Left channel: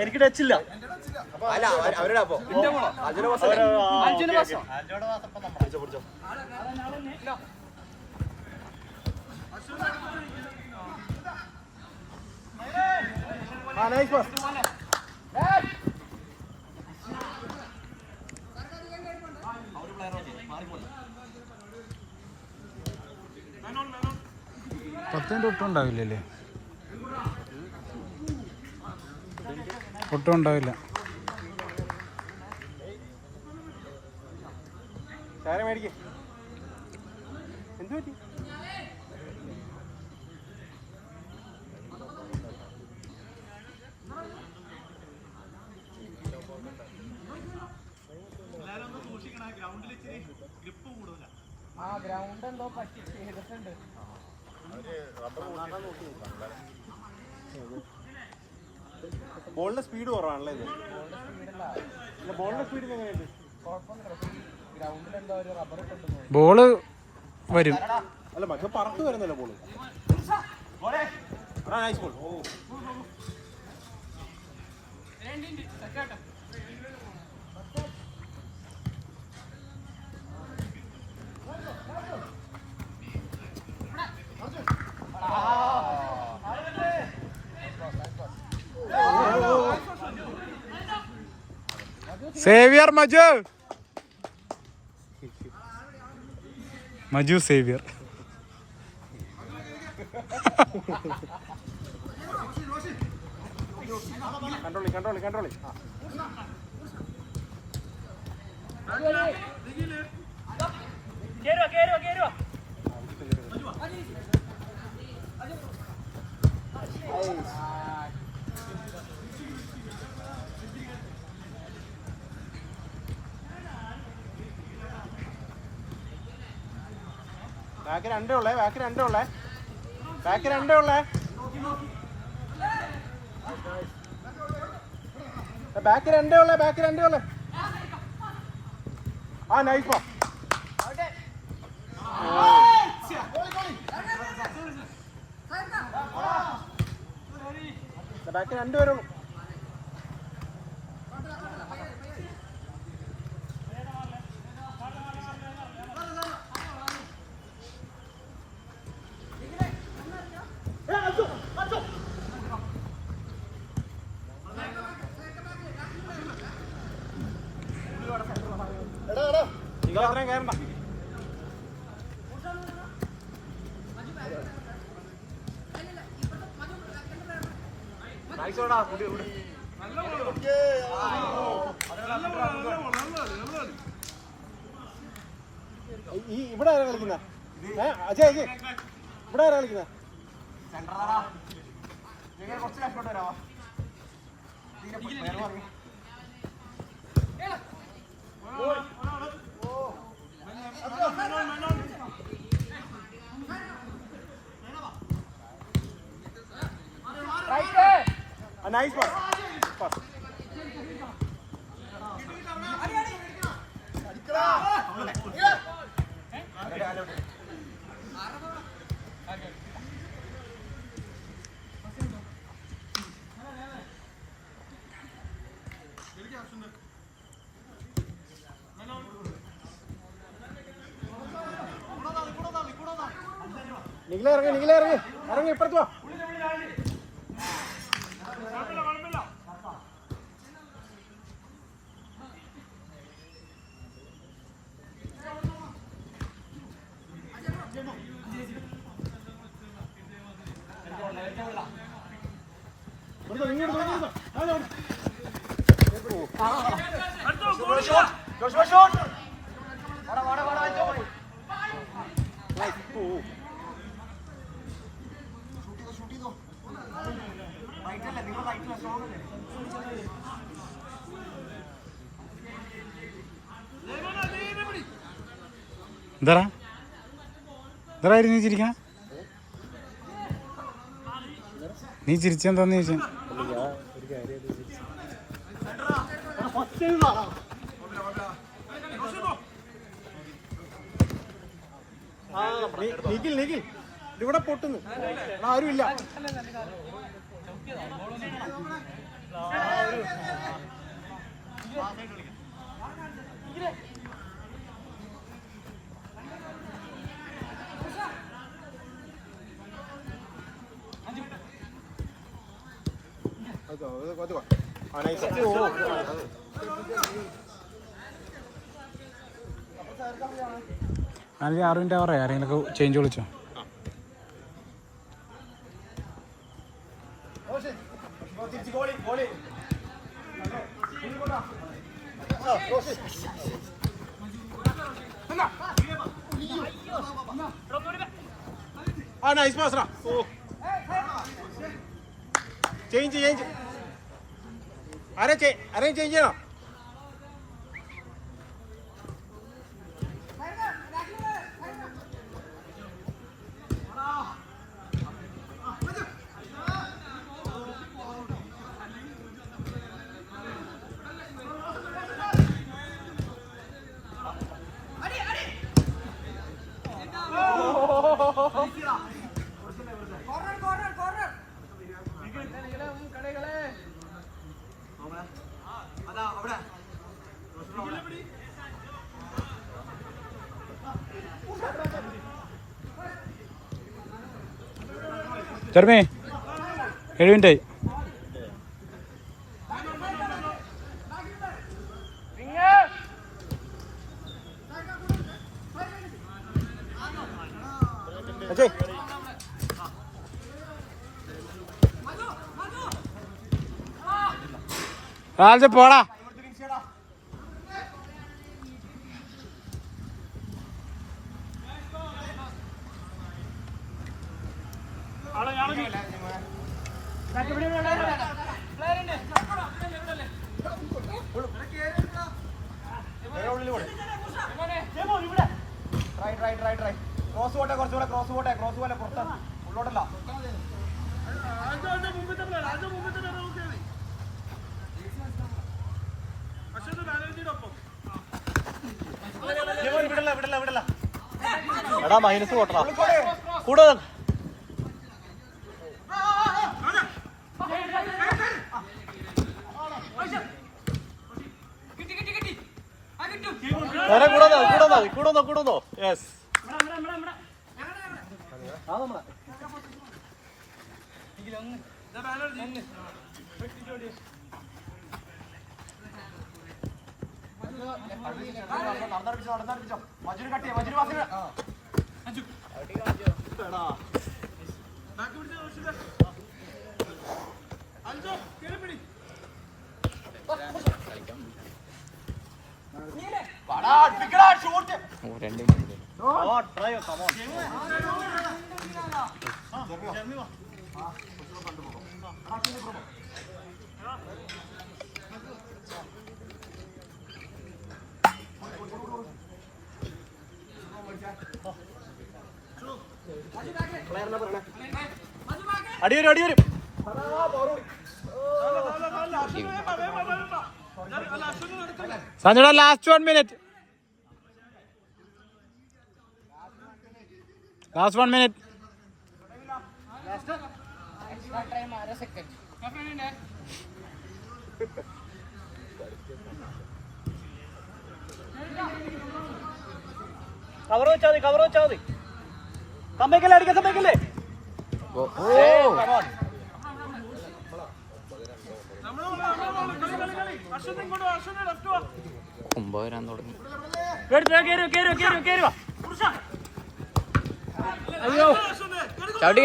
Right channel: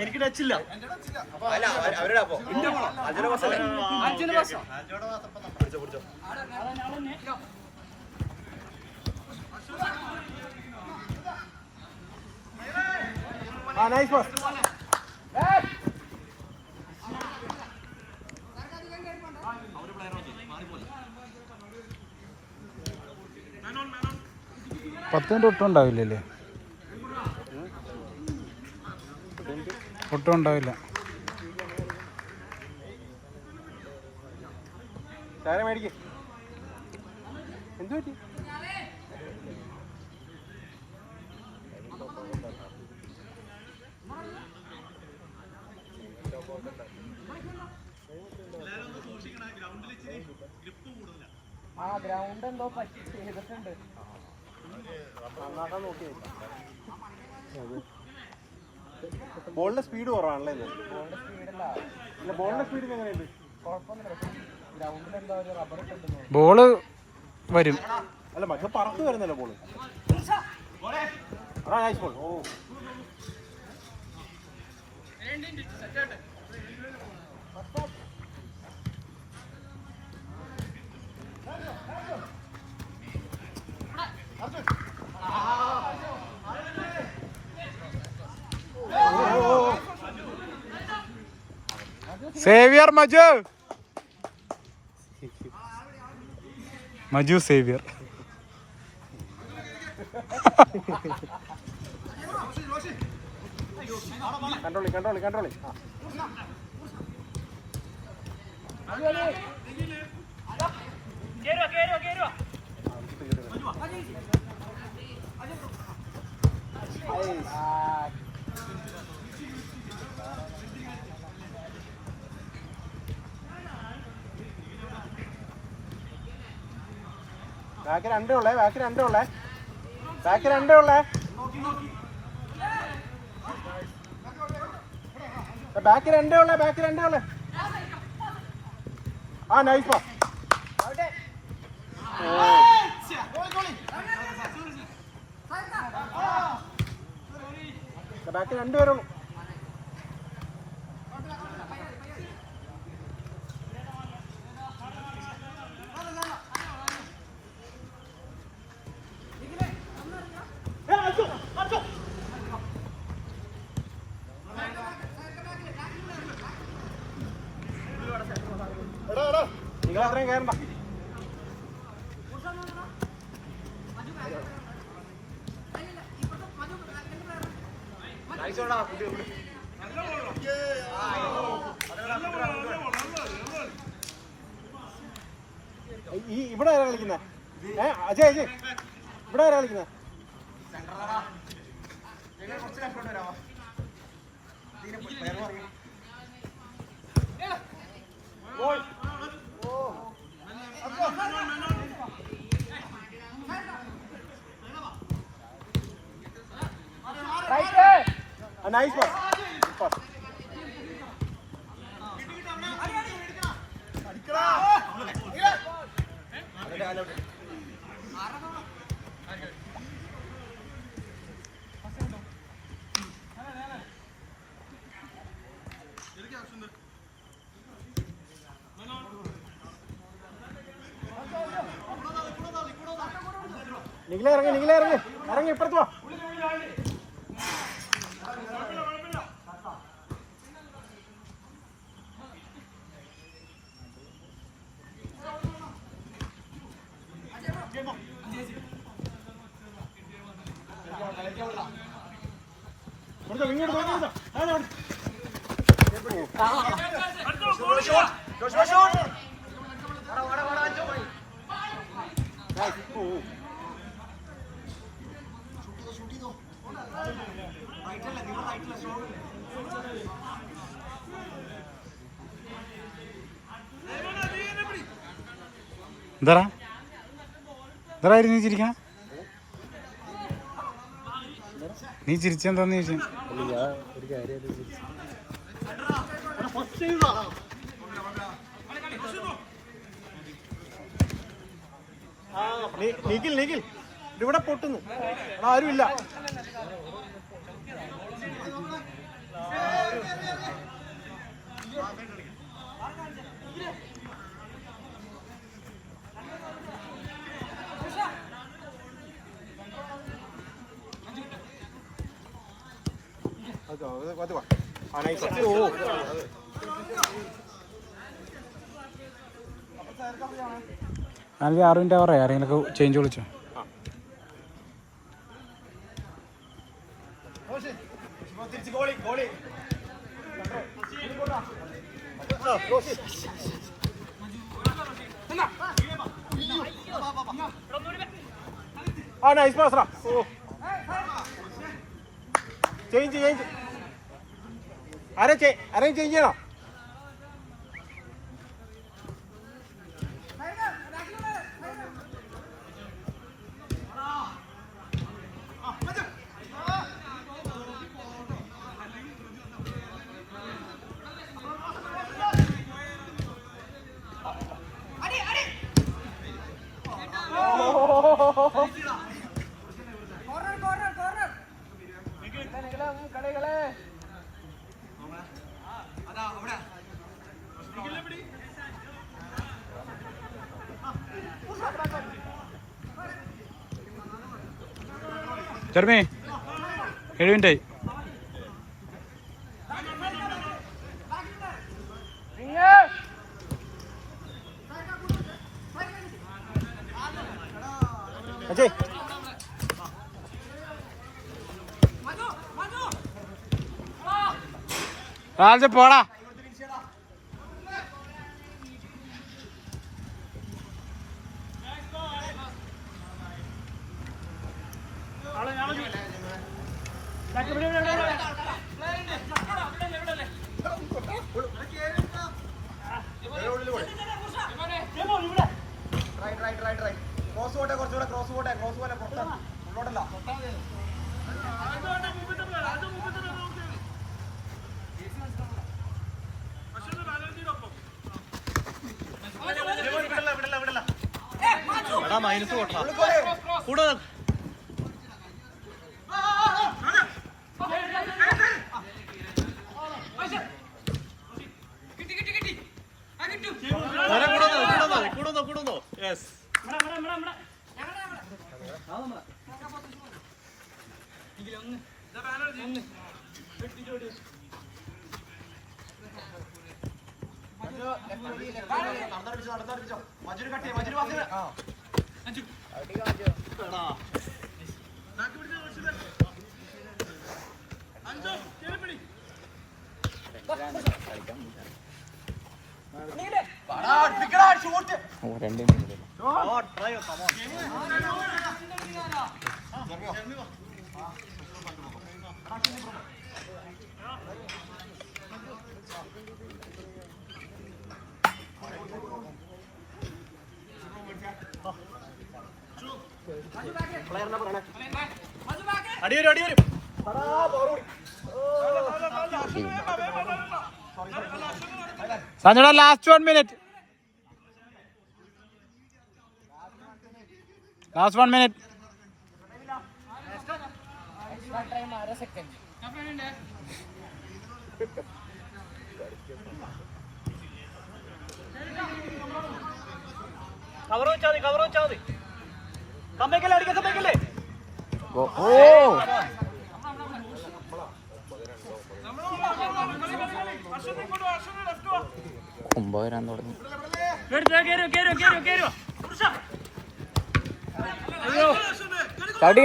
എനിക്ക് ടച്ചില്ല. പത്തിൻ്റെ ഒട്ടും ഉണ്ടാവില്ലല്ലേ? ഒട്ടും ഉണ്ടാവില്ല. എന്ത് പറ്റി? ബോളിന്റെ സ്പീഡ് കുറവാണല്ലേ? ബോളിന്റെ സ്പീഡ് എങ്ങനെയുണ്ട്? ബോള് വരും. അല്ല പക്ഷെ പറത്ത് വരുന്നല്ലോ ബോള്. സേവിയർ മജു, മജു സേവിയർ. കണ്ടോളി കണ്ടോളി കണ്ടോളി. ബാക്ക് രണ്ടേ ഉള്ളേ, ബാക്ക് രണ്ടേ ഉള്ളേ, ബാക്ക് രണ്ടേ ഉള്ളേ, ബാക്ക് രണ്ടേ ഉള്ളേ, ബാക്ക് രണ്ടേ ഉള്ളേ. ആ നൈസ് പാസ്. ബാക്ക് രണ്ടുപേരുള്ളൂ. നിങ്ങളത്രയും കയറണ്ട. ഇവിടെ ആരാ കളിക്കുന്നത്? അജയ് അജയ് ഇവിടെ ആരാ കളിക്കുന്നത്? Nice pass. നിങ്ങളെ ഇറങ്ങി, നിങ്ങളെ ഇറങ്ങി, ഇറങ്ങി ഇപ്പുറത്ത് പോ. എന്താ എന്താ ഇരുന്നിച്ചിരിക്കണ? നീ ചിരിച്ചെന്താന്ന് ചോദിച്ചാ ഇവിടെ പൊട്ടുന്നു ആരുമില്ല. അല്ലെങ്കിൽ 6 മിനിറ്റ് പറയാം. ആരെങ്കിലൊക്കെ ചേഞ്ച് വിളിച്ചോ. Nice pass. ചേഞ്ച് ആരെയും ചേഞ്ച് ചെയ്യണം. ചെറുമേ 7 മിനിറ്റായി. രാജ പോടാ. മൈനസ് പോട്ടാ കൂടെ കൂടുന്നോ. യെസ് നടന്നടിപ്പിച്ചോ. മജുര് കട്ടിയ മജുര് വാസിയ അടിയൊരു സഞ്ജുടാ last 1 minute. Last 1 minute. Cover വെച്ചാ മതി. സമ്മതിക്കല്ലേ അടിക്കാൻ സമ്മതിക്കല്ലേ. കുമ്പ വരാൻ തുടങ്ങി.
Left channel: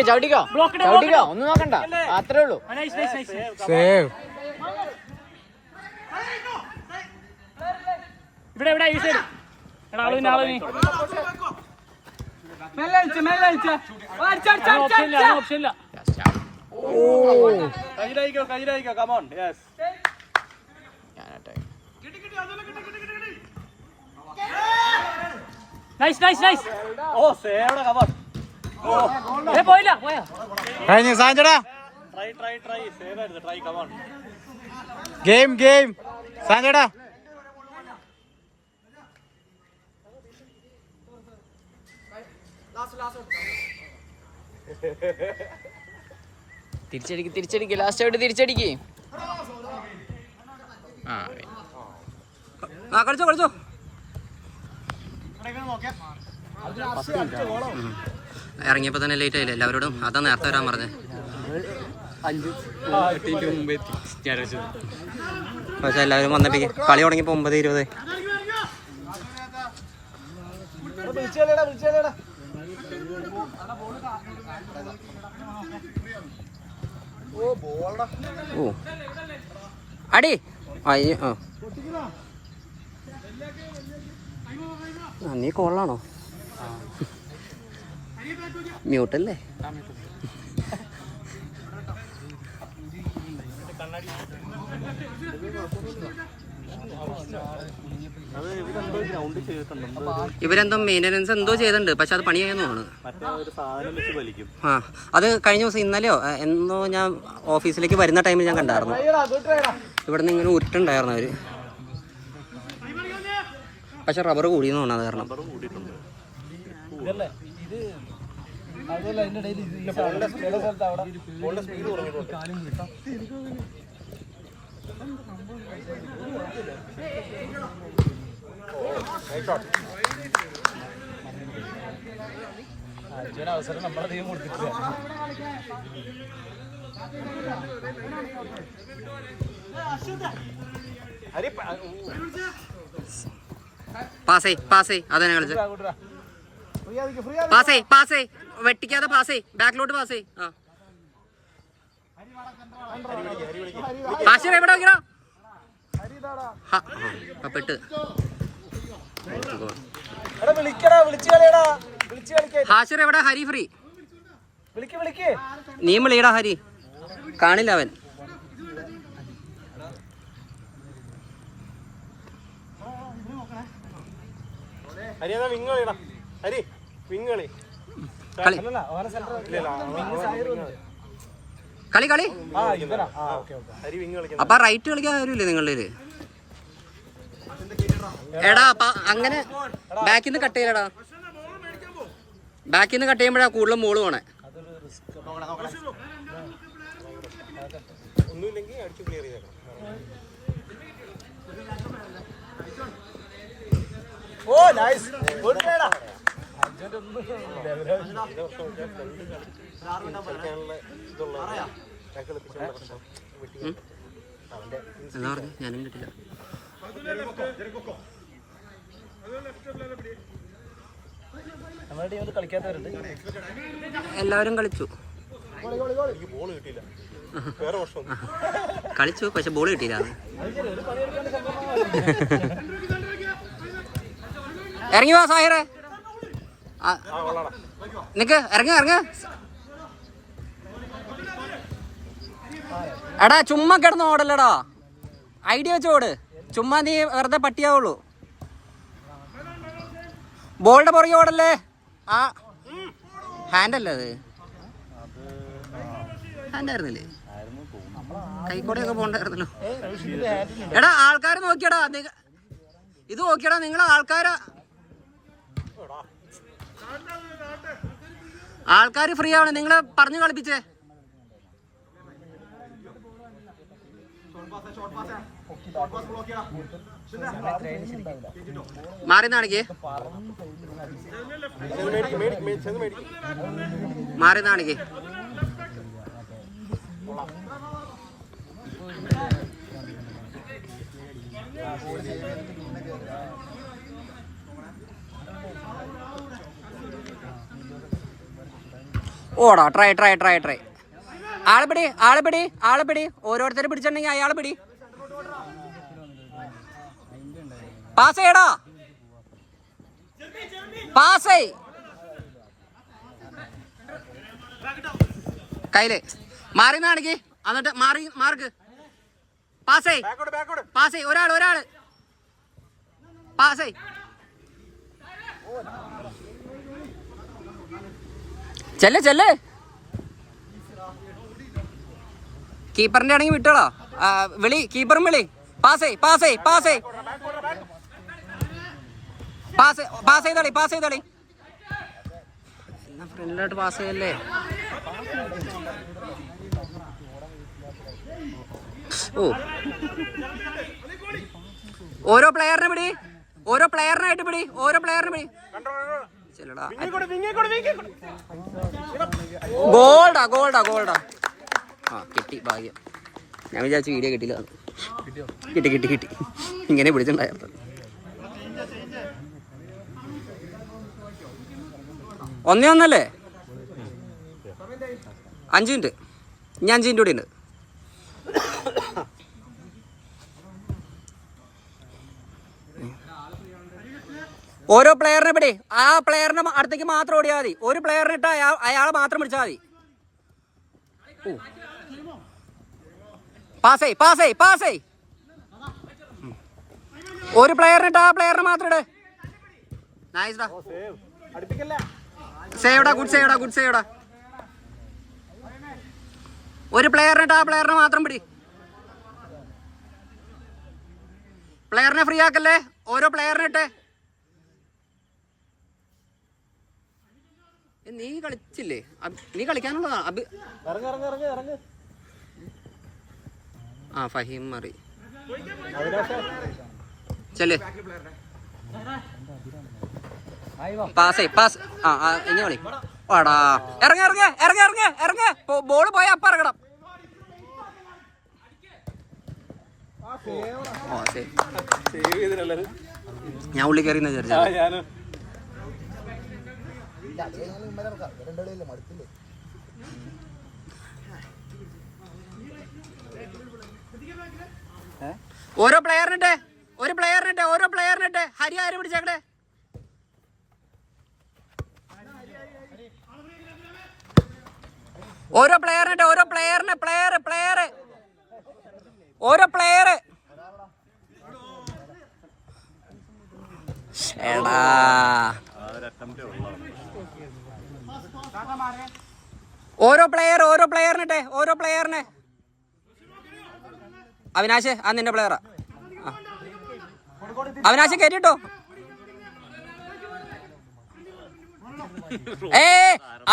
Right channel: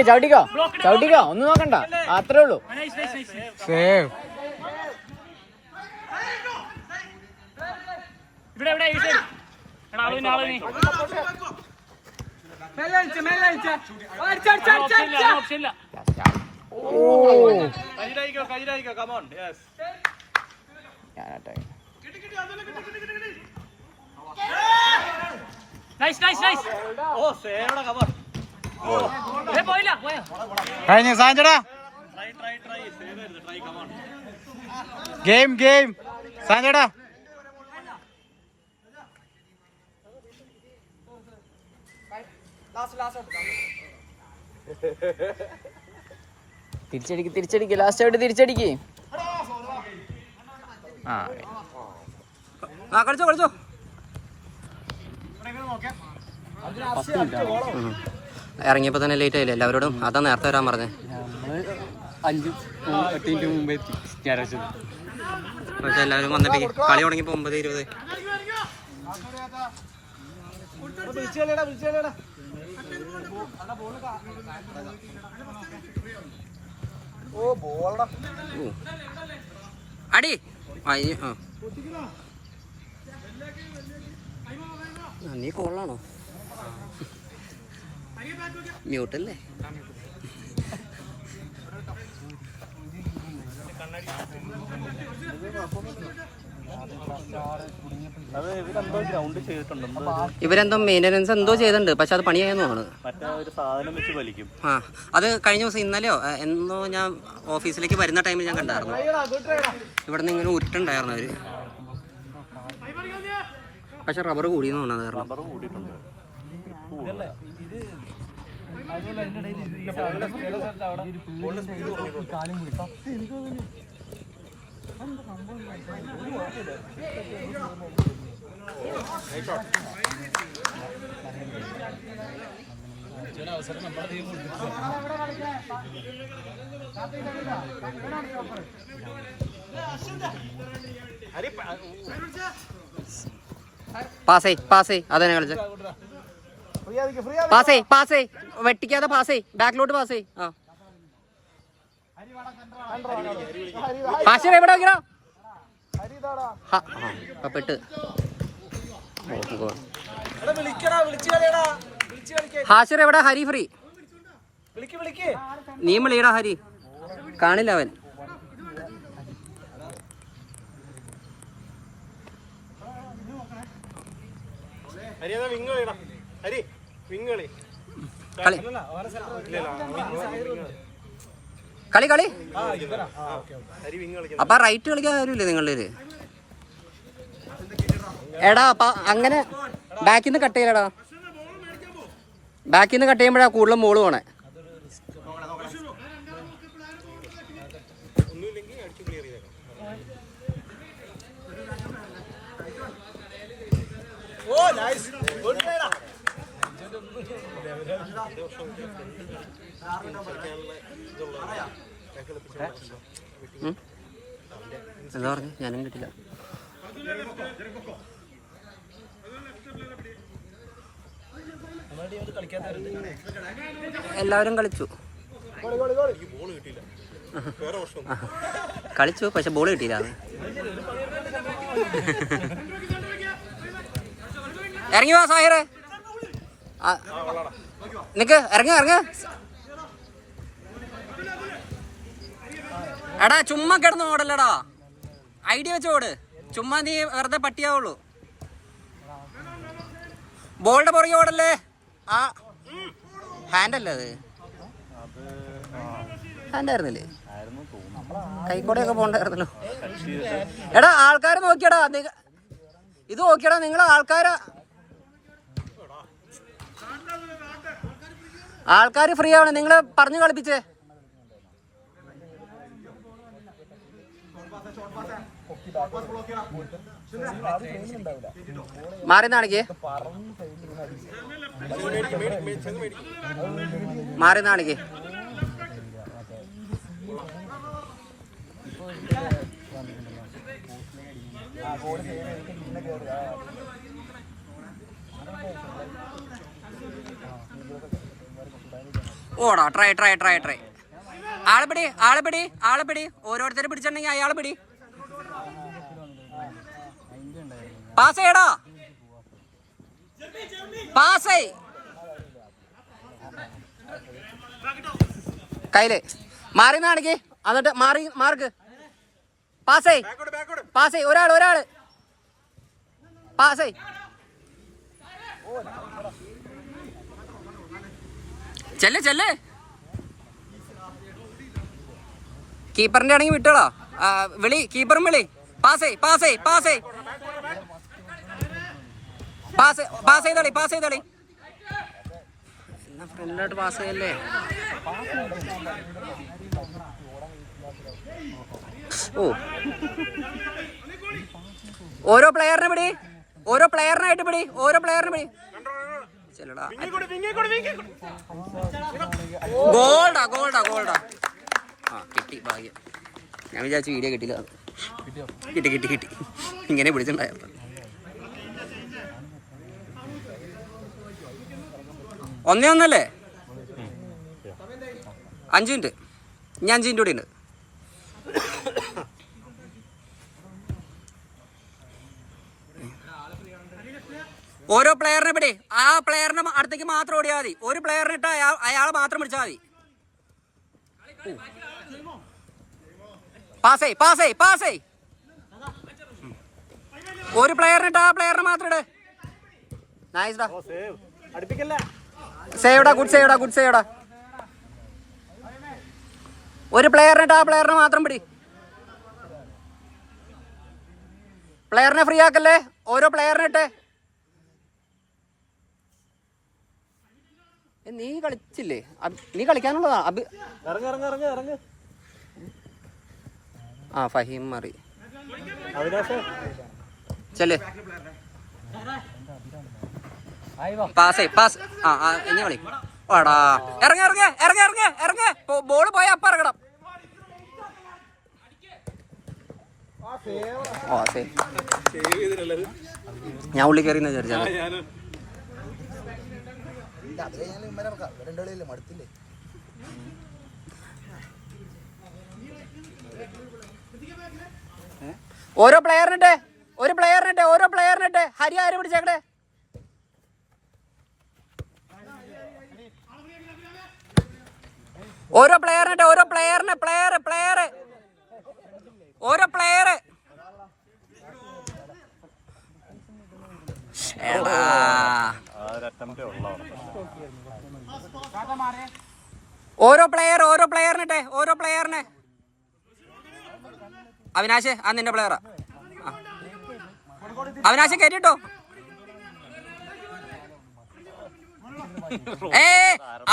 ചവിട്ടിക്കോ ഒന്നും നോക്കണ്ട, അത്രേ ഉള്ളൂ. സേവ്. കഴിഞ്ഞ സാഞ്ചടാ ഗെയിം സാഞ്ചേടാ. തിരിച്ചടിക്ക് ലാസ്റ്റ് ആയിട്ട് തിരിച്ചടിക്ക്. കളിച്ചോ. ഇറങ്ങിയപ്പോ തന്നെ ലേറ്റ് ആയില്ലേ എല്ലാവരോടും? അതാ നേരത്തെ വരാൻ പറഞ്ഞേ. പക്ഷെ എല്ലാവരും വന്നപ്പോ കളി തുടങ്ങിയപ്പോ 9:20. ഓ അടി നീ കോളാണോ? മ്യൂട്ടല്ലേ? ഇവരെന്തോ മെയിൻ്റനൻസ് എന്തോ ചെയ്തിട്ടുണ്ട്, പക്ഷെ അത് പണിയായെന്ന് തോന്നുന്നു. ആ അത് കഴിഞ്ഞ ദിവസം ഇന്നലെയോ എന്തോ ഞാൻ ഓഫീസിലേക്ക് വരുന്ന ടൈമിൽ ഞാൻ കണ്ടായിരുന്നു. ഇവിടെ നിന്ന് ഇങ്ങനെ ഉരുട്ടുണ്ടായിരുന്നു അവര്. പക്ഷെ റബ്ബർ കൂടിയെന്ന് തോന്നുന്നത് കാരണം. പാസേ അതന്നെ കളിച്ച പാസേ വെട്ടിക്കാതെ പാസേ ബാക്കിലോട്ട് പാസേ. ഹാഷിർ എവിടെ നോക്കിയോ? പെട്ട് ഹാഷിർ എവിടെ? ഹരി ഫ്രീ. നീ വിളിയടാ ഹരി. കാണില്ല അവൻ. കളി അപ്പൊ റൈറ്റ് കളിക്കാൻ കാര്യമില്ലേ നിങ്ങളുടെ? എടാ അപ്പൊ അങ്ങനെ ബാക്കിൽ നിന്ന് കട്ട് ചെയ്യലടാ. ബാക്കിൽ നിന്ന് കട്ട് ചെയ്യുമ്പോഴാ കൂടുതലും മോള് പോണേ. എന്താ പറഞ്ഞു? ഞാനും കിട്ടില്ല. എല്ലാവരും കളിച്ചു പക്ഷെ ബോൾ കിട്ടിയില്ല. ഇറങ്ങി വാ സാഹിറേ. നിക്ക് ഇറങ്ങ. എടാ ചുമ്മാ കിടന്ന് ഓടല്ലടാ, ഐഡിയ വെച്ച് ഓട്. ചുമ്മാ നീ വെറുതെ പട്ടിയാവുള്ളൂ. ബോളിന്റെ പുറകെ ഓടല്ലേ. ആ ഹാൻഡല്ലേ അത്? ഹാൻഡായിരുന്നില്ലേ? കൈക്കോടെയൊക്കെ പോണ്ടായിരുന്നല്ലോ. എടാ ആൾക്കാരെ നോക്കിയടാ, ഇത് നോക്കിയടാ നിങ്ങളെ ആൾക്കാര് ഫ്രീ ആവണം. നിങ്ങള് പറഞ്ഞു കളിപ്പിച്ചേ. മാറി നാണിക്ക് ഓടാ. ട്രൈ ആളെ പിടി. ഓരോരുത്തരെ പിടിച്ചിട്ടുണ്ടെങ്കിൽ അയാളെ പിടി. പാസ് ചെയ്യടാ. കയ്യില് മാറി നാണിക്ക്. എന്നിട്ട് മാർക്ക് പാസ് ഒരാള് പാസ്. ചെല്ലേ കീപ്പറിന്റെ ആണെങ്കിൽ വിട്ടോളോ. വിളി, കീപ്പറും വിളി. പാസ് ചെയ്തോളി. ഫ്രണ്ടിലോട്ട് പാസ് ചെയ്യല്ലേ. ഓ, ഓരോ പ്ലെയറിനെ പിടി, ഓരോ പ്ലെയറിനായിട്ട് പിടി. ചെല്ലടാ. ഗോൾഡാ. ആ, കിട്ടി, ഭാഗ്യം. ഞാൻ വിചാരിച്ചു വീഡിയോ കിട്ടില്ല. കിട്ടി. ഇങ്ങനെ പിടിച്ചിട്ടുണ്ടായിരുന്നു. 1-1 5 മിനിറ്റ്. ഇനി 5 മിനിറ്റ് കൂടി ഉണ്ട്. ഓരോ പ്ലെയറിനെ പിടി. ആ പ്ലെയറിനെ അടുത്തേക്ക് മാത്രം ഓടിയാൽ മതി. ഒരു പ്ലെയറിനെ ഇട്ട് അയാളെ മാത്രം പിടിച്ചാൽ മതി. പാസ്. ഒരു പ്ലെയറിനെ ഇട്ട് ആ പ്ലെയറിനെ മാത്രം ഇട്. നൈസ്ഡാ. ഗുഡ് സേവ്ടാ. ഒരു പ്ലെയറിനിട്ട് ആ പ്ലെയറിനെ മാത്രം പിടി. പ്ലെയറിനെ ഫ്രീ ആക്കല്ലേ. ഓരോ പ്ലെയറിനിട്ട്. നീ കളിച്ചില്ലേ? നീ കളിക്കാനുള്ളതാ. ഫഹീം മാറി. ചെല്ലേ. പാസ്. ഇനി കളി. വാടാ, ഇറങ്ങ. ബോള് പോയ അപ്പ ഇറങ്ങണം. ഞാൻ ഉള്ളി കയറി വിചാരിച്ചാ. ഓരോ പ്ലെയറിനിട്ട് ഹരി ആര് പിടിച്ചേക്കട്ടെ. ഓരോ പ്ലെയറിനിട്ട് ഓരോ പ്ലെയർ. എടാ, ഓരോ പ്ലെയറിനെ. അവിനാശ്, ആ നിന്റെ പ്ലെയറാ. അവിനാശ് കയറ്റിട്ടോ.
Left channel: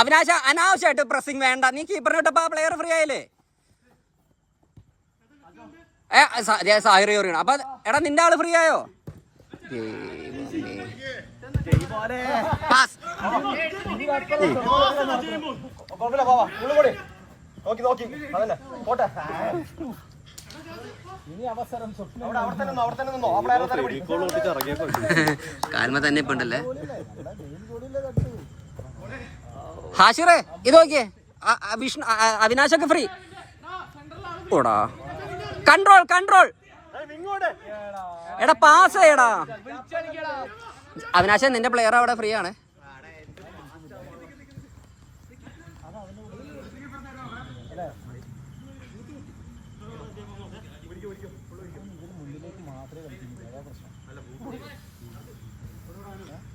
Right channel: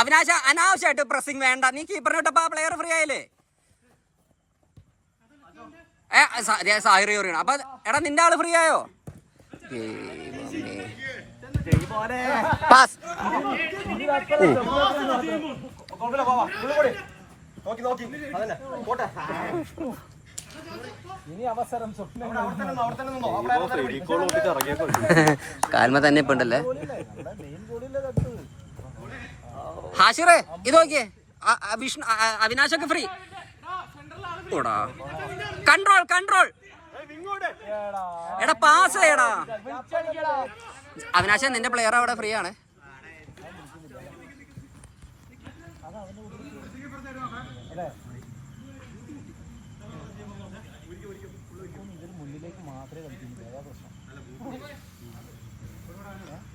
അവിനാശ, അനാവശ്യമായിട്ട് പ്രസിംഗ് വേണ്ട. നീ കീപ്പറിന് ഇട്ടപ്പോ ആ പ്ലെയർ ഫ്രീ ആയില്ലേ. സാഹിർ ചോറിയാണ്. അപ്പൊ എടാ, നിന്റെ ആള് ഫ്രീ ആയോ? പാസ്. കാൽമ തന്നെ ഇപ്പൊ ഉണ്ടല്ലേ. ഹാഷിറേ, ഇത് നോക്കിയേ. വിഷ്ണു, അവിനാശൊക്കെ ഫ്രീ. ഓടാ, കൺട്രോൾ. എടാ, പാസ് ചെയ്യടാ. അവിനാശ, നിന്റെ പ്ലെയർ അവിടെ ഫ്രീ ആണ്.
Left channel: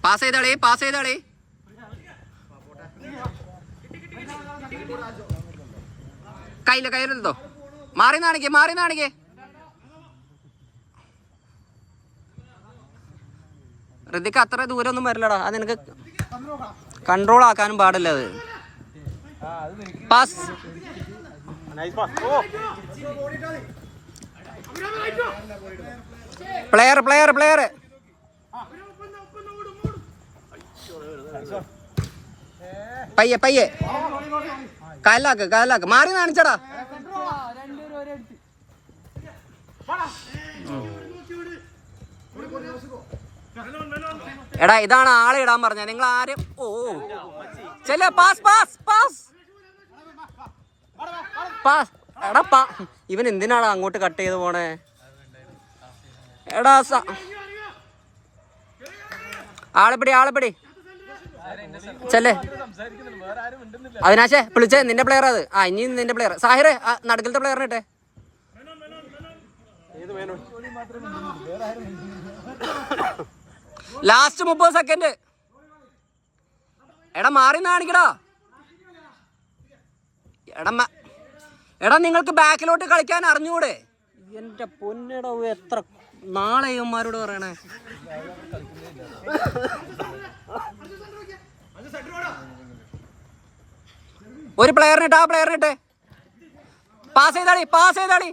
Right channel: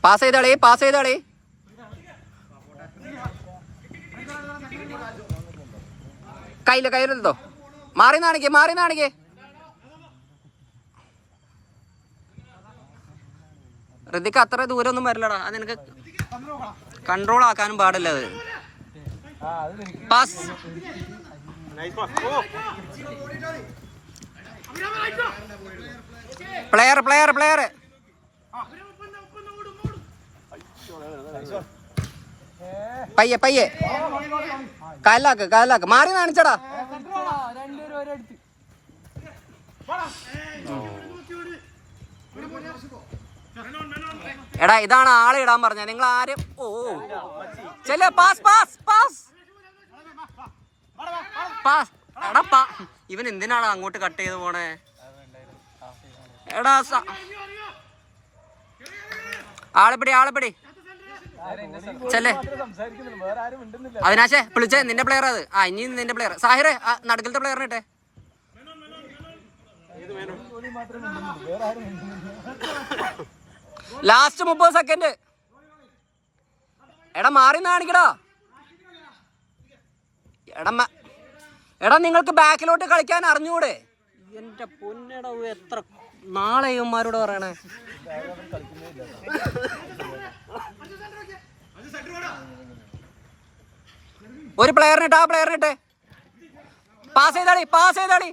പാസ് ചെയ്താളി. കയ്യിലെടുത്തോ. മാറി നാണിക്കേ. ഋതിക്ക് അത്ര ദൂരം ഒന്നും വരില്ലടാ. അത് നിനക്ക് കൺട്രോൾ ആക്കാനും പാടില്ല. അത് പാസ്. പ്ലെയർ. പയ്യെ കാലാക്ക്. മാറി കാണിച്ചടാ. എടാ, ഇതാണ് ആളെ ഇടാൻ പറഞ്ഞ. നിങ്ങൾ ആരും ചെല്ലേ. പാസ്. എടാ, ഇവൻ എന്തിനാണ് അങ്ങോട്ട് കട്ട് ചെയ്ത് പോണേ? എടാ, ആളെപ്പിടി ചെല്ലേ. അവിനാശേ, വിളിച്ചേ. നിന്റെ പ്ലെയർ അത്. ഇനി നിന്റെ പ്ലെയർ. സാഹിറെ, നടുക്കലത്തെ പ്ലെയറിനിട്ടെ. Last 30 second. എടാ, മാറി കാണിക്കടാ. എടാ, എടാ നിങ്ങൾക്ക് ബാക്കിലോട്ട് കളിക്കാൻ അറിഞ്ഞൂടെ? എന്റെ പൊന്നെടോ, എത്ര നാളെ ഇവന്മാരോട് പറയണേ. ഒരു പ്ലെയറിനിട്ട്, ആ പ്ലെയറിനിട്ട് പാസ് ചെയ്താളി.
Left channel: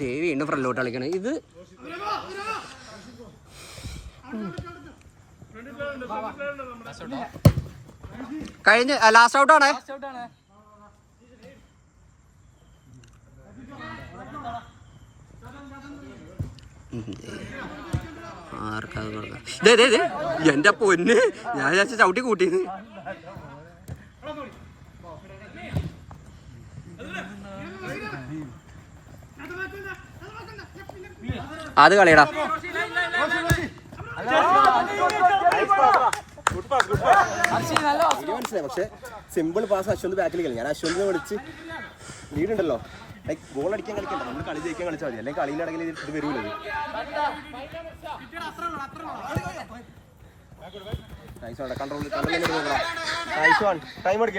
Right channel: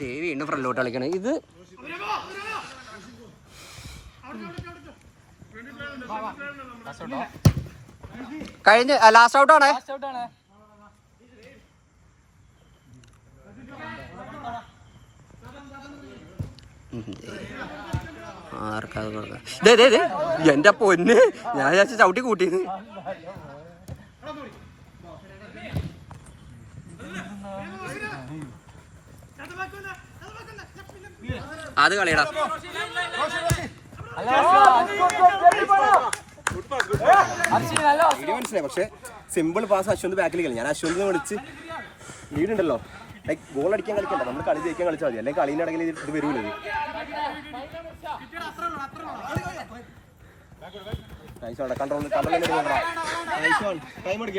ദേവി വീണ്ടും ഫ്രണ്ടിലോട്ട് കളിക്കണേ. ഇത് കഴിഞ്ഞ് ലാസ്റ്റ് ഔട്ടാണേ. എന്റെ പൊന്ന്, ഞാൻ ചവിട്ടി കൂട്ടിന്ന്. അത് കളിയടാ. മനസ്സിലായി. പക്ഷെ സിമ്പിൾ പാസ് അശ്വന്ത് ബാക്കിൽ കളി. ഞാൻ അശ്വന്തിനെ വിളിച്ച് ലീഡുണ്ടല്ലോ, ലൈക്ക് ഗോൾ അടിക്കാൻ കളിക്കണ്ട, നമ്മൾ കളി ജയിക്കാൻ കളിച്ചാൽ മതി. അല്ലെങ്കിൽ കളീൻ്റെ ഇടയിൽ ഇത് വരൂലേ.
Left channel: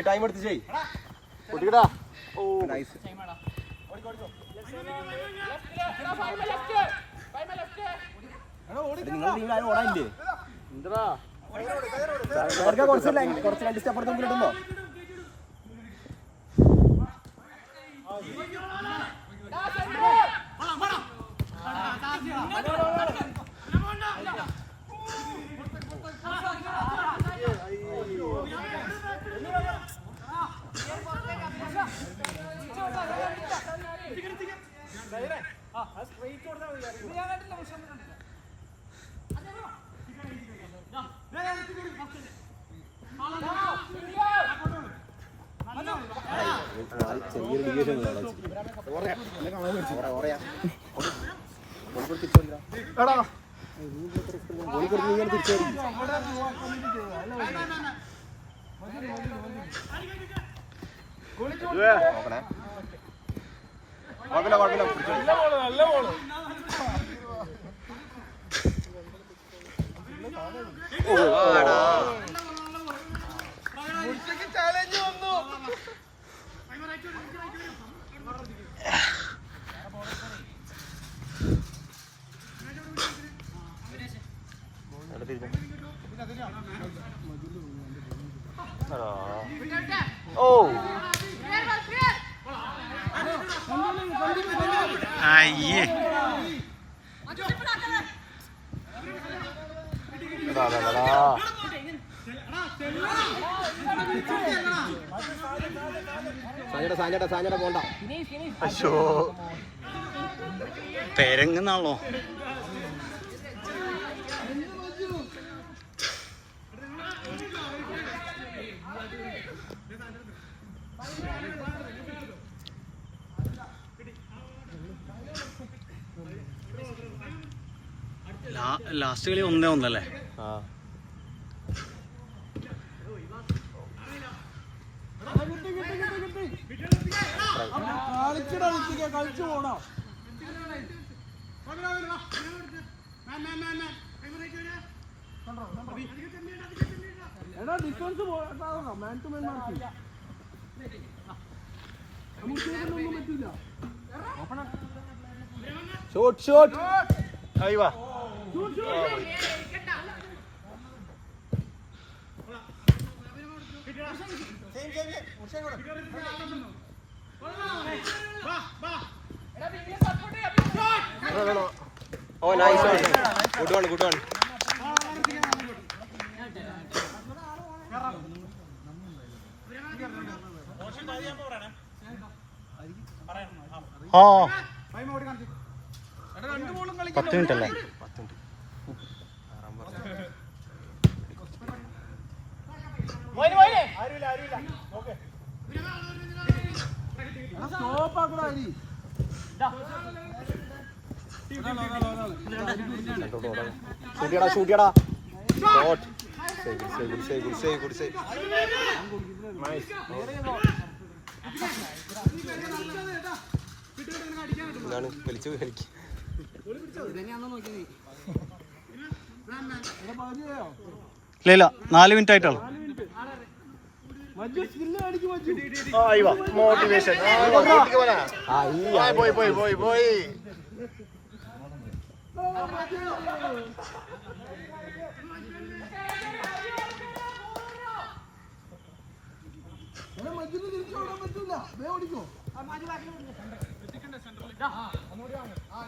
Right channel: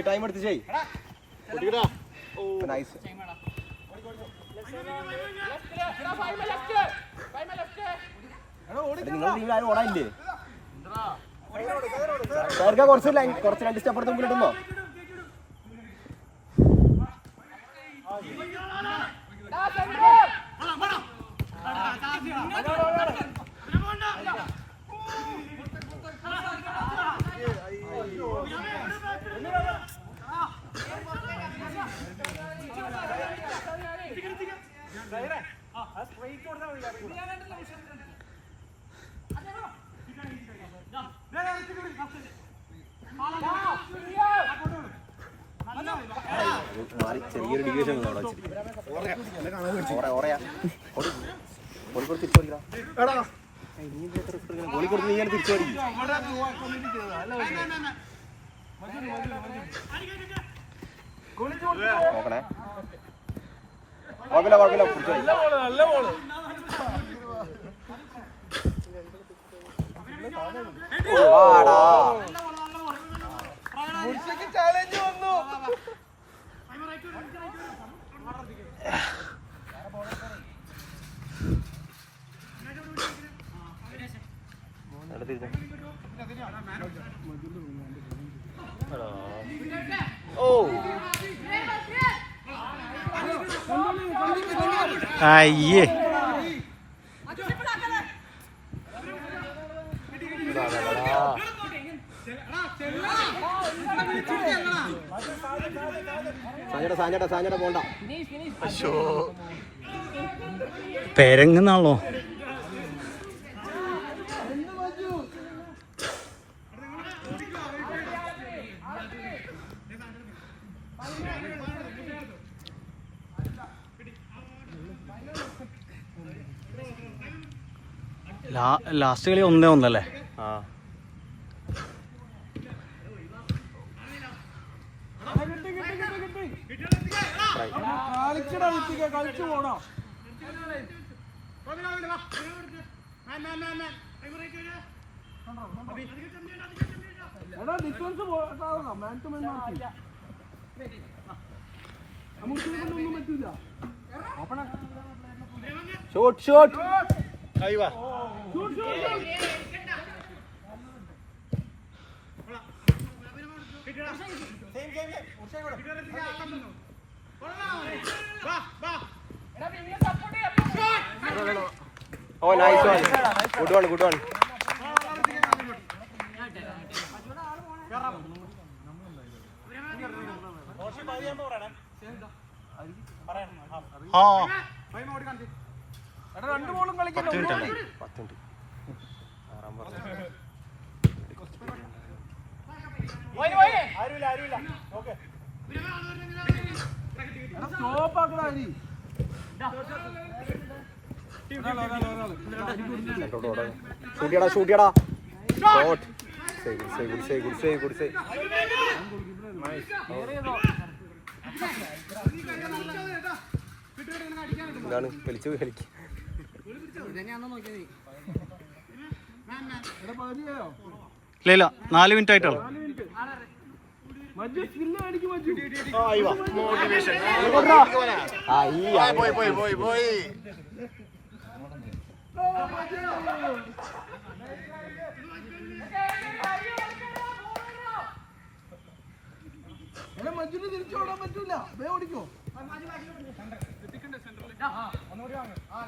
ടൈം എടുത്ത് ചെയ്. നിങ്ങൾ ഓടാനില്ലേ? കുറച്ച് രണ്ട് സ്റ്റെപ്പുറത്ത് മുമ്പിലിടുമ്പോ ചെറിയൊരു ഡിവിഷൻ ഗോളി കൊടുത്ത് നീ തിരിച്ചടിക്കും. നോക്കണേ, കുഴപ്പമില്ല പിടിച്ചോളി. അയ്യേ, സാഞ്ഞട പോണ്ട. തെരങ്ങുന്നാണല്ലോ. ലാസ്റ്റ് കളി 1-1 അല്ലേ? ഷോട്ട് അയ്യോ, Oh, nice one. Good one, good one. ആ 10 മിനിറ്റ് അല്ലേ? 10 മിനിറ്റ്. ആറാം പറഞ്ഞു. ഷൂട്ടിയടാ. ഷോട്ട്. സേവ്. എന്താണ് കളിച്ചു കളിക്ക്. ഇല്ല 4 മിനിറ്റ് ആയിട്ടുള്ളൂ.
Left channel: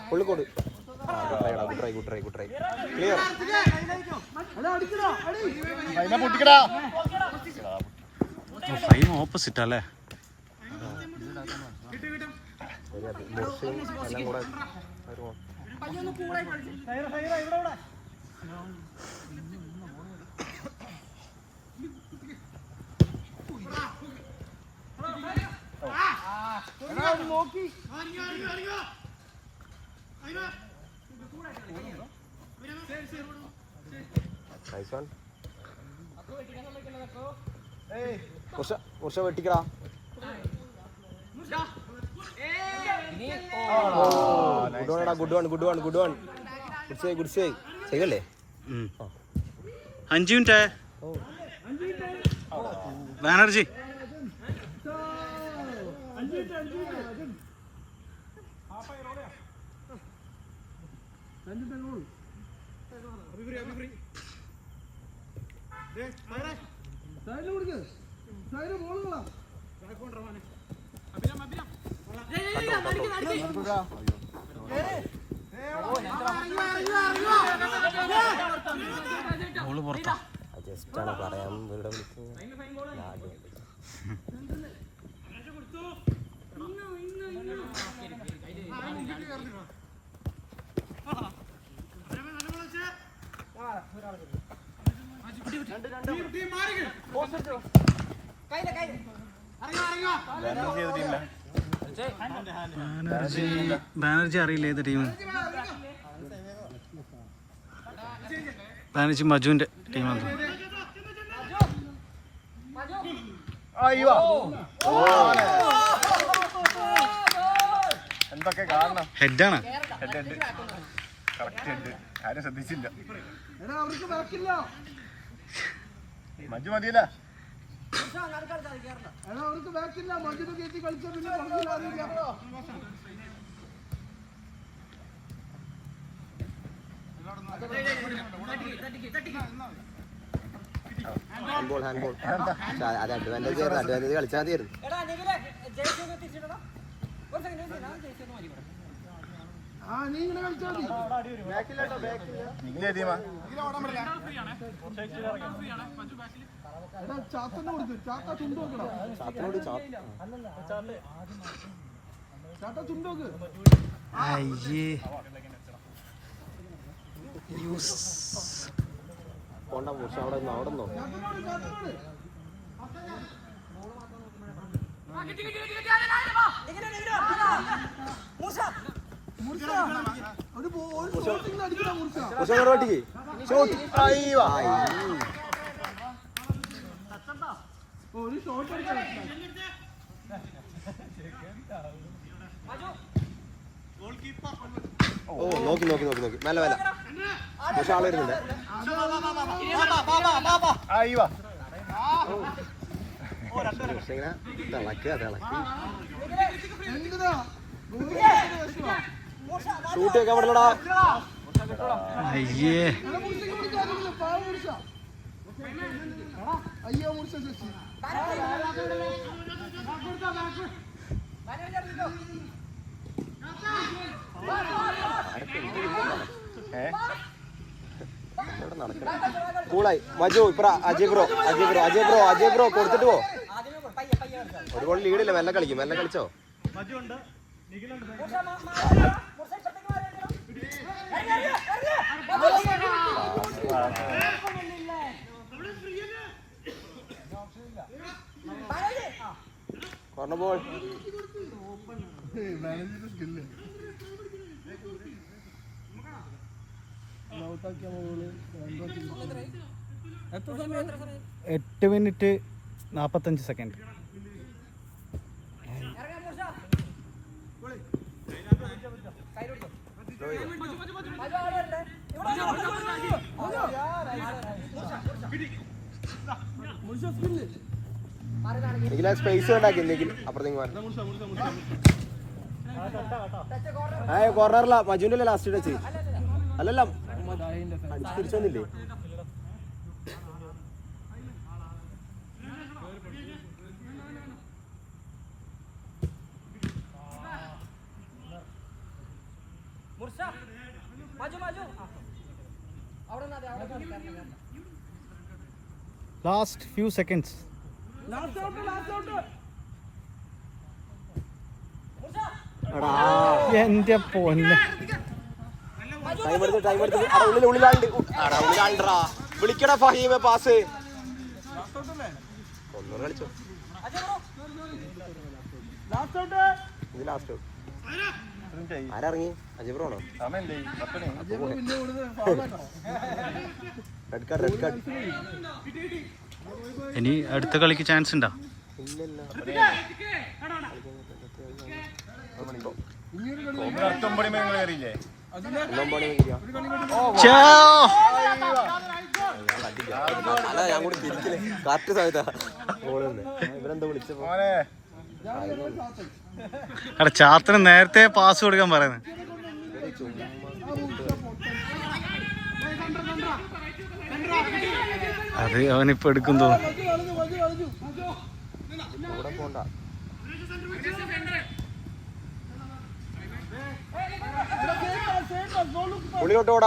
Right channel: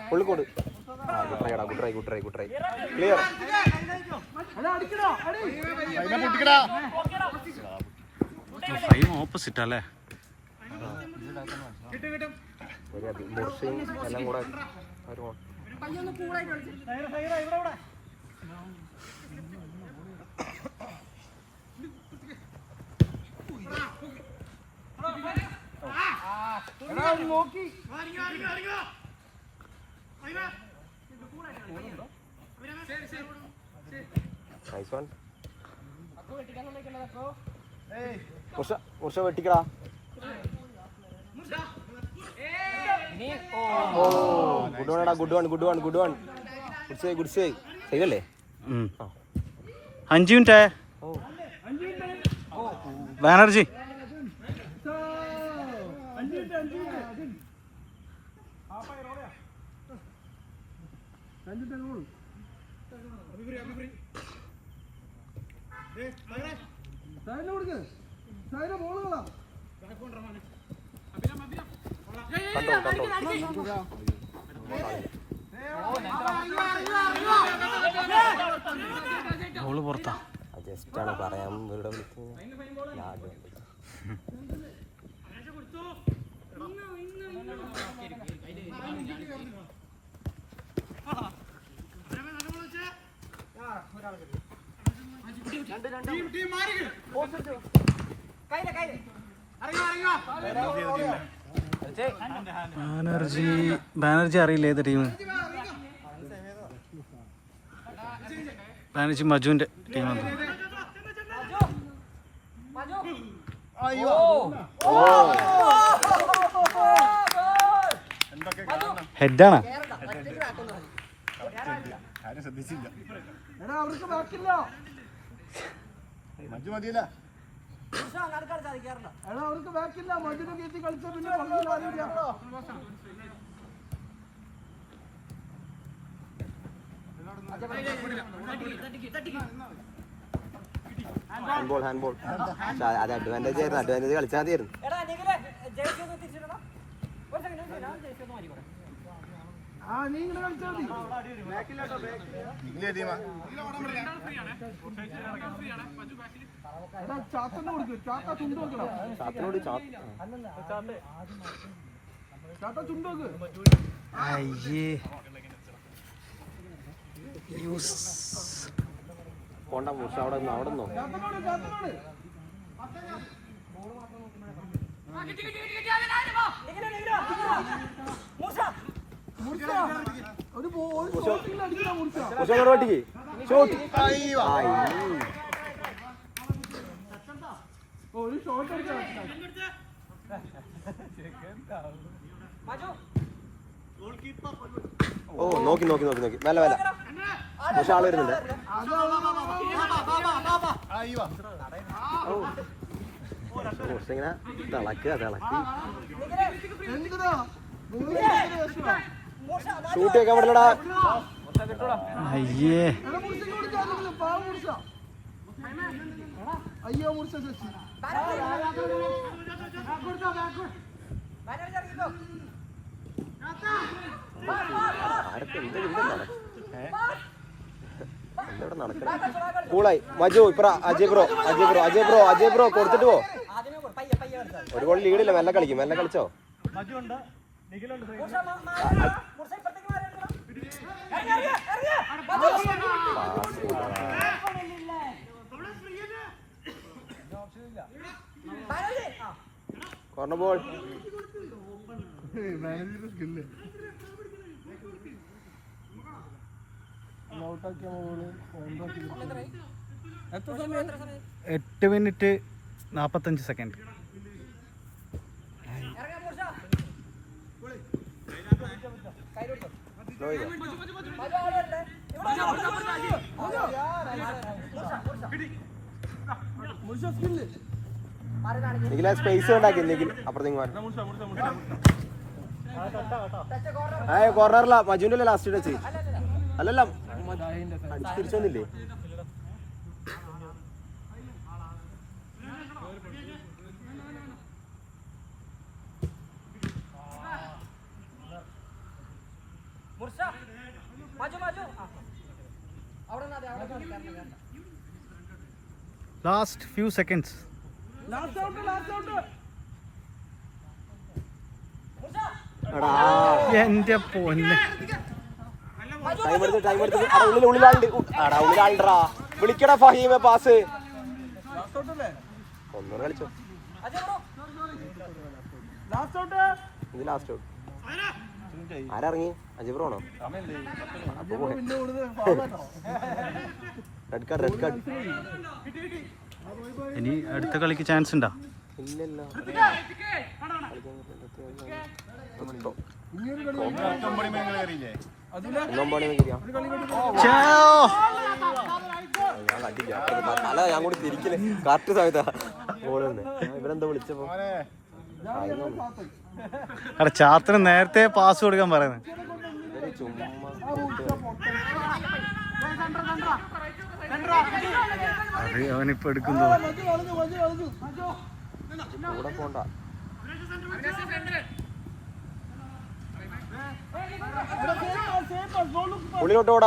പുള്ളിക്കോട് good try clear. Frame opposite അല്ലേ? എല്ലാം കൂടെ വെട്ടിക്കടാ. ഗുഡ് സേവ് ചെയ്തല്ലേ? 5 മിനിറ്റ് ബാനർജി. ബോള് പുറത്താ. ജസ്റ്റാണ് പറയാൻ ബാനർജി അറിയില്ല ഏത് ടീം. ബാനർജി മജുവിന്റെ ടീമാണ്. ഹെഡാണ്. ശ്രദ്ധിച്ചില്ല. മജു മതിയില്ല. ഹാൻഡ്ബോൾ അത് അഡ്വാൻറ്റേജ് കളിച്ചാൽ മതിയായിരുന്നു. പോണ്ട മൂർച്ച അവിടെ നിന്നോ. ഓ നോക്കി നല്ല പക്ഷെ ആള് വരുന്നുണ്ട്. ഷൂട്ട് ഒക്കെ പറ്റില്ലടാ. അയ്യേ കൂളായി. മജു ഇപ്പറ അജയ് ബ്രോ കൊടുത്തിട്ട് പോ. ഒരുപാട് ലീഡില്ല. മെല്ലെ കളിച്ചോ. ബോൾ എട്ട് മിനിറ്റ് 45 സെക്കൻഡ്. നിഖില സ്പേസ് ഉണ്ടാക്കി നിഖിൽ അപ്പുറത്തേക്ക് കോർണറിലാ മജുവിന്റെ അല്ലേ ലാസ്റ്റ് വെച്ച് അല്ലല്ല തിരിച്ചു വന്നില്ലേ ലാസ്റ്റ് ഫ്യൂ സെക്കൻഡ്സ്. എന്റെ പൊന്നെ വിളിക്കടാ ഫഹീമ പാസ് കളിച്ചോ ഇത് ലാസ്റ്റ് ആരിറങ്ങി അജിബ്രോ ആണോ റെഡ് കാർഡ് റെഡ് കാർഡ് ഇനി അടുത്ത കളിക്ക് ചാൻസ് ഉണ്ടോ? ഞാൻ കൂടെ തിരിക്കില്ലേ കറക്റ്റ് സമയത്താ ഇവരെന്താ വിളിച്ചപ്പോ ചാത്തിന് നേരത്തെ പാസ് കൊടുക്കാൻ പറയുന്നത്. അത് അവനിപ്പോ എടുക്കും തോന്നുന്നു.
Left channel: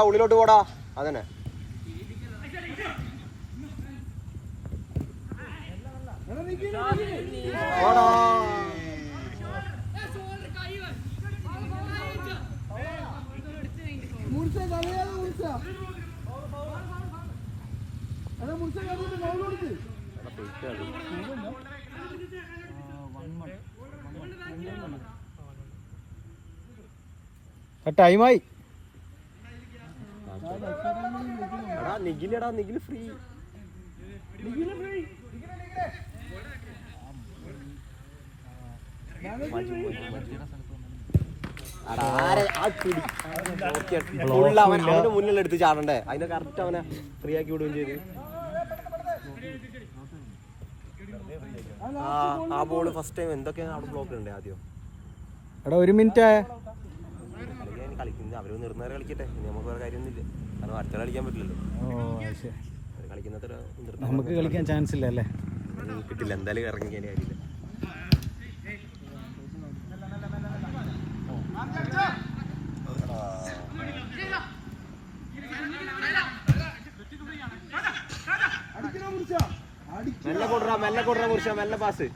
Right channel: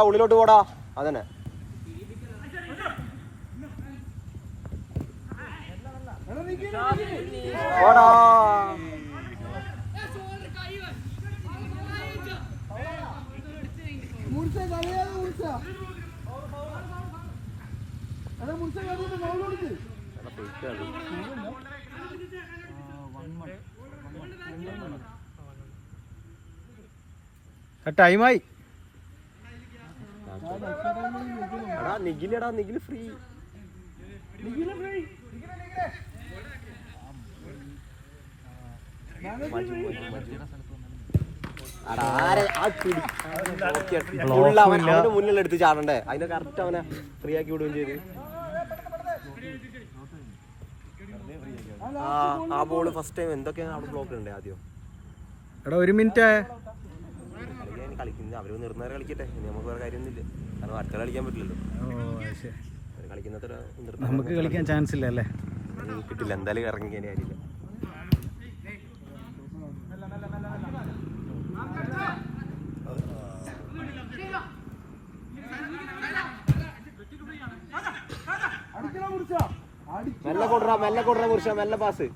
ഉള്ളിലോട്ട് പോടാ അതന്നെ. ടൈമായി. നിഖിലെടാ നിഖില് ഫ്രീ. അവന്റെ മുന്നിൽ എടുത്ത് ചാടണ്ടേ, അതിന്റെ കറക്റ്റ് അവനെ ഫ്രീ ആക്കി വിടുകയും ചെയ്ത്. ആ ബോള് ഫസ്റ്റ് ടൈം എന്തൊക്കെയാണ് അവിടെ ബ്ലോക്ക് ഉണ്ട് ആദ്യം. എടാ 1 മിനിറ്റ് കളിക്കുന്നത് അവര് നിർന്നേരം കളിക്കട്ടെ, ഇനി നമുക്ക് വേറെ കാര്യമൊന്നുമില്ല. കാരണം അടുത്ത കളിക്കാൻ പറ്റില്ലല്ലോ. കളിക്കുന്നത്ര നമുക്ക് കളിക്കാൻ ചാൻസ് ഇല്ല അല്ലേ? കിട്ടില്ല, എന്തായാലും ഇറങ്ങിക്കാൻ കാര്യമില്ല. മെല്ലെ കൊടുറാ കുറിച്ച മെല്ലെ പാസ്.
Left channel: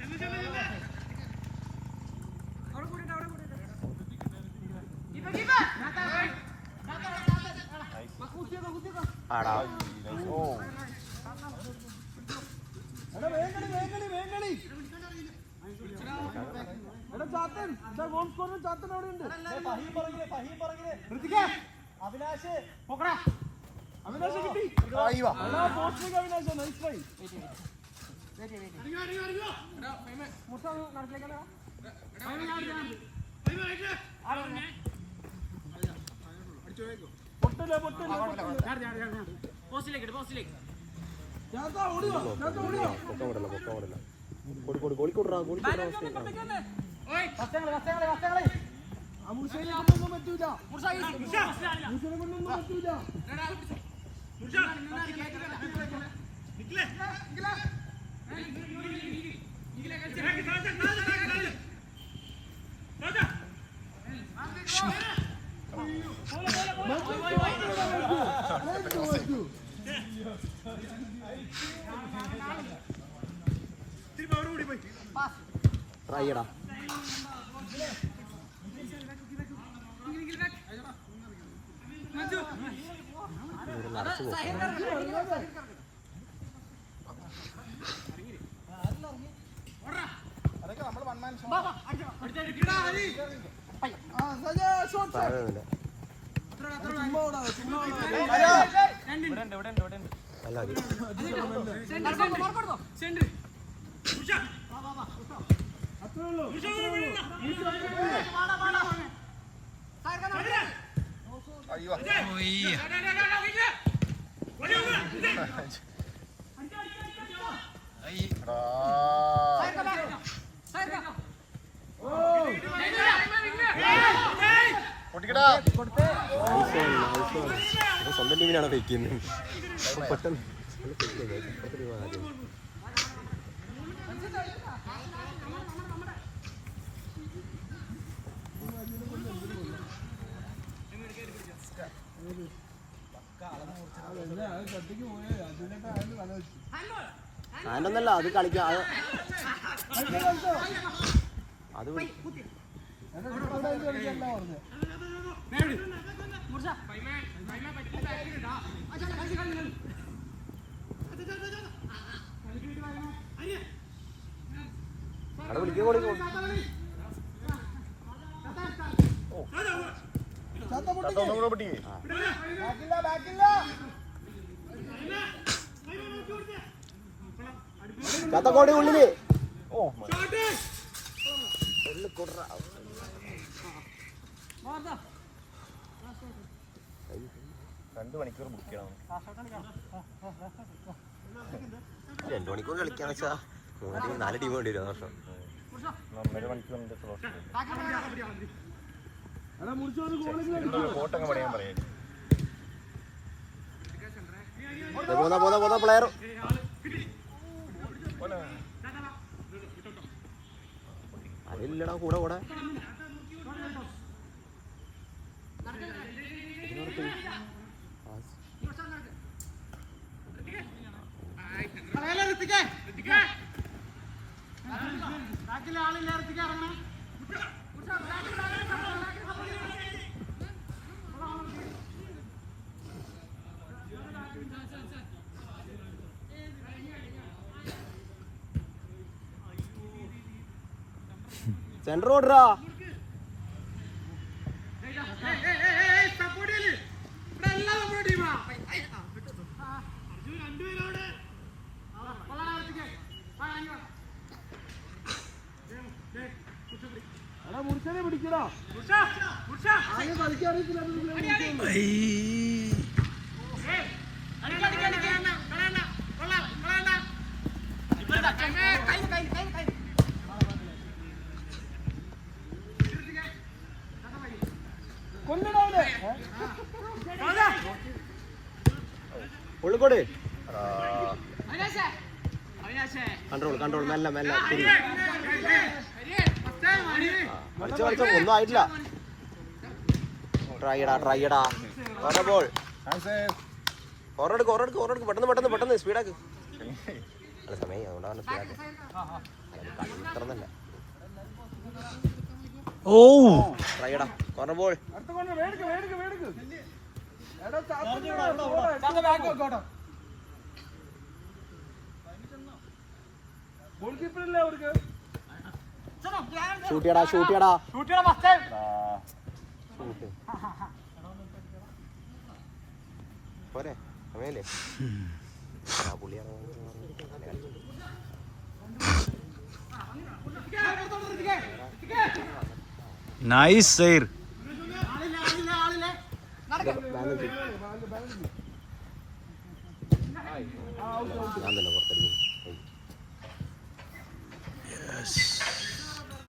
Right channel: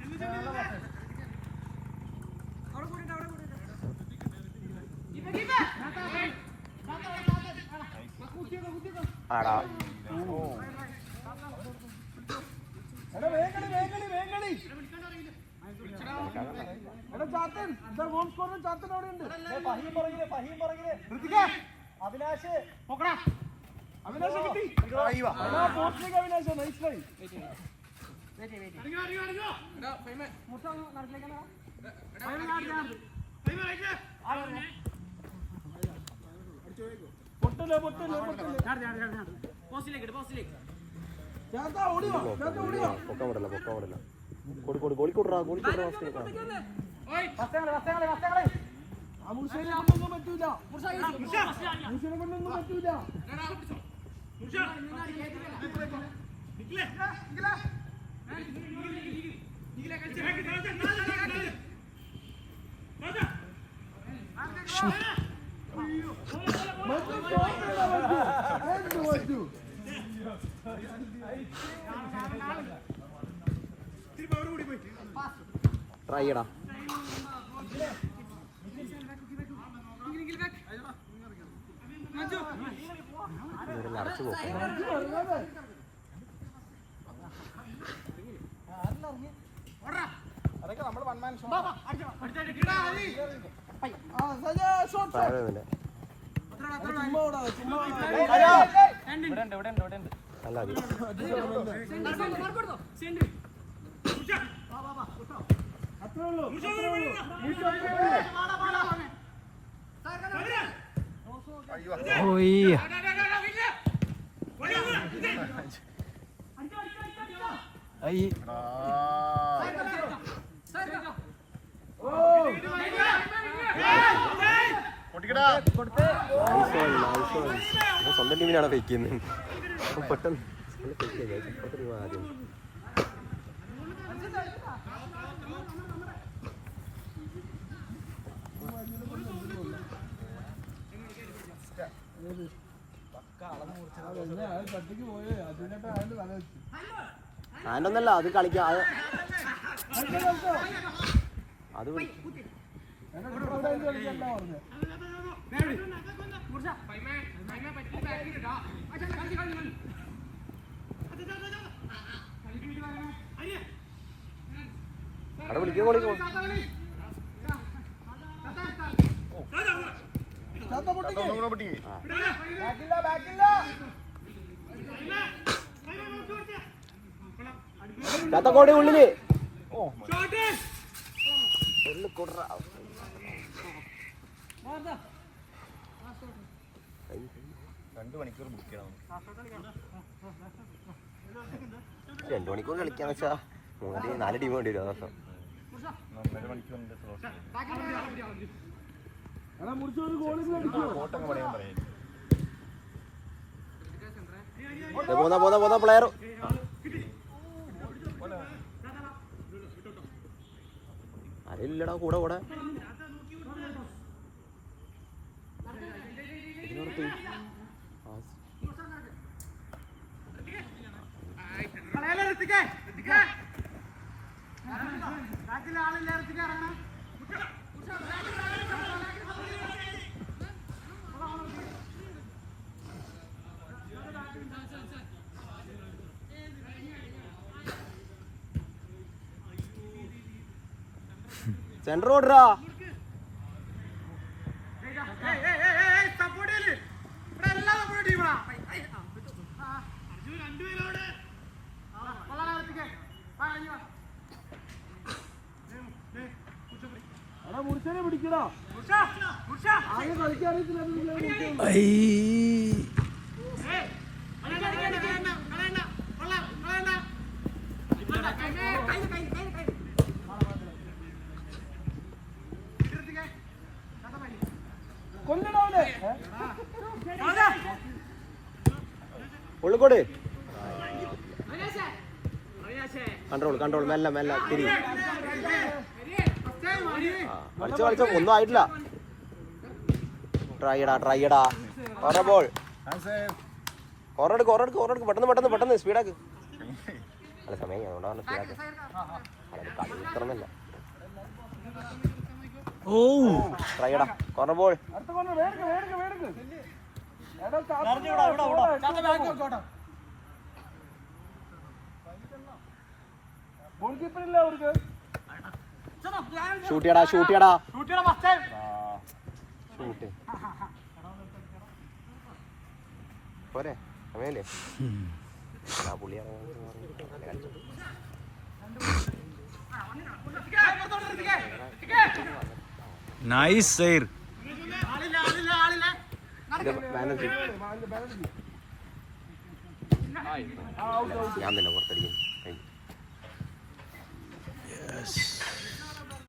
ട്രൈ ചെയ്യടാ. നടച്ചു പോകും. സ്വന്തം ടീമിനാണ് ഫേക്ക് ചെയ്യുന്നത്. പെട്ടെന്ന് ആദ്യം ഞാനൊന്നല്ല അത് കളിക്കാം. അത് ചത്തക്കോടി ഉള്ളില് രണ്ടു മണിക്കൂർ കളിക്കാന്ന് വെച്ചാ 4 ടീം വേണ്ടി വരും. വർഷം പോന്ന പ്ലെയർ അതില്ലടാ കൂടെ കൂടെ സെന്റർ ഓടറാ. ഉള്ളിക്കോട് കൺട്രോൾ മെല്ലെ കളിച്ചോ ഒന്നും ആയിട്ടില്ല. ട്രൈയടാ ബോൾ കോറെടുക്ക് പെട്ടെന്ന് സ്പീഡാക്ക്. അല്ല സമയം അതുകൊണ്ടാണ് സ്പീഡാക്കി. ഓ ട്രൈയടാ കോർണർ ബോൾ. ഷൂട്ടിയടാ പോരെ അങ്ങനെയല്ലേ പുള്ളിയാ. നൈസ് സൈർ. ഞാൻ തന്നെ പുറത്തടിക്കും.